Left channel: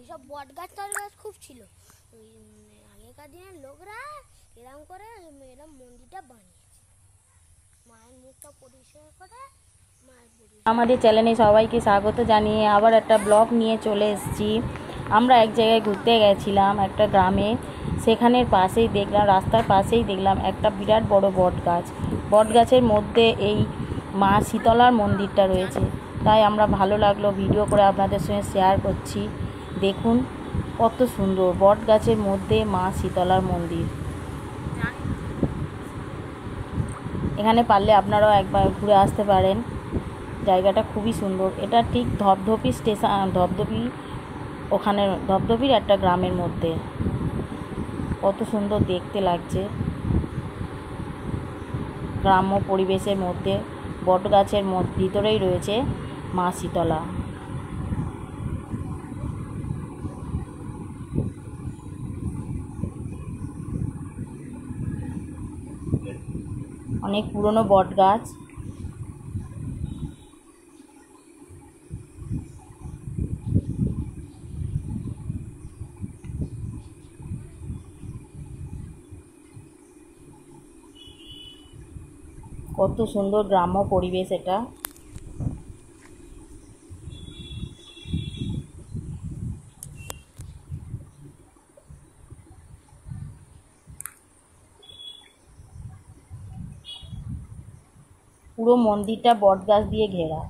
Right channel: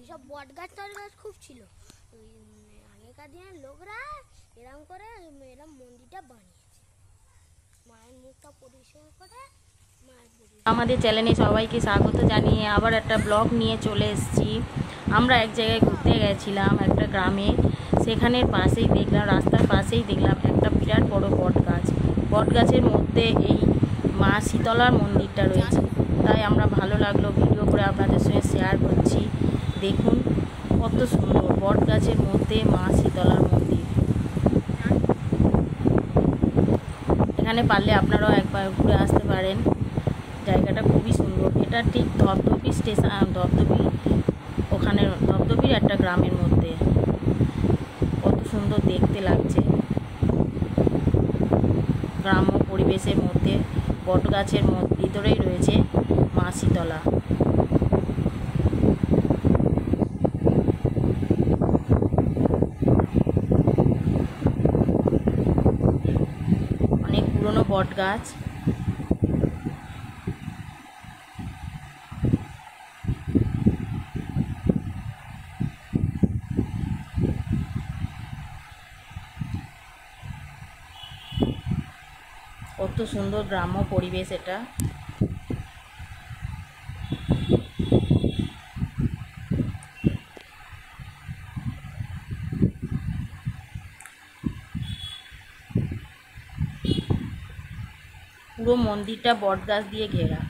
এইসব বট গাছ তল গাছ খুব ছিল। আগেকার দিনের লোকরা এরম করে এরম মন্দিরটা বানিয়েছে, মায়ের মুখটা পরিষ্কার করে। আমাদের চ্যানেলে সবাইকে স্বাগত জানিয়ে আবার একটা ব্লগ নিয়ে চলে এসেছি। আমরা এক জায়গায় ঘুরতে গেছিলাম, একটা গ্রামে। সেখানের পাশেই দেখলাম, রাস্তার পাশেই দেখলাম একটা বিরাট বড় বট গাছ। বট গাছের মধ্যে এই মা শীতলার মন্দিরটা রয়েছে। তাই আমরা ভালো লাগলো ভিডিও করে আপনাদের সঙ্গে শেয়ার করছি। দেখুন কত সুন্দর, বট গাছের মধ্যে মা শীতলার মন্দির। এখানে পারলে আপনারাও একবার ঘুরে আসতে পারেন, জায়গাটা খুবই সুন্দর। এটা ঠিক ধপধপি স্টেশন, ধপধপি ওখানে ধপধপির একটা গ্রামের মধ্যে। কত সুন্দর দেখতে লাগছে, গ্রাম্য পরিবেশের মধ্যে বট গাছের ভিতরেই রয়েছে মা শীতলা। অনেক পুরনো বট গাছ। কত সুন্দর গ্রাম্য পরিবেশ এটা। পুরো মন্দিরটা বট গাছ দিয়ে ঘেরা।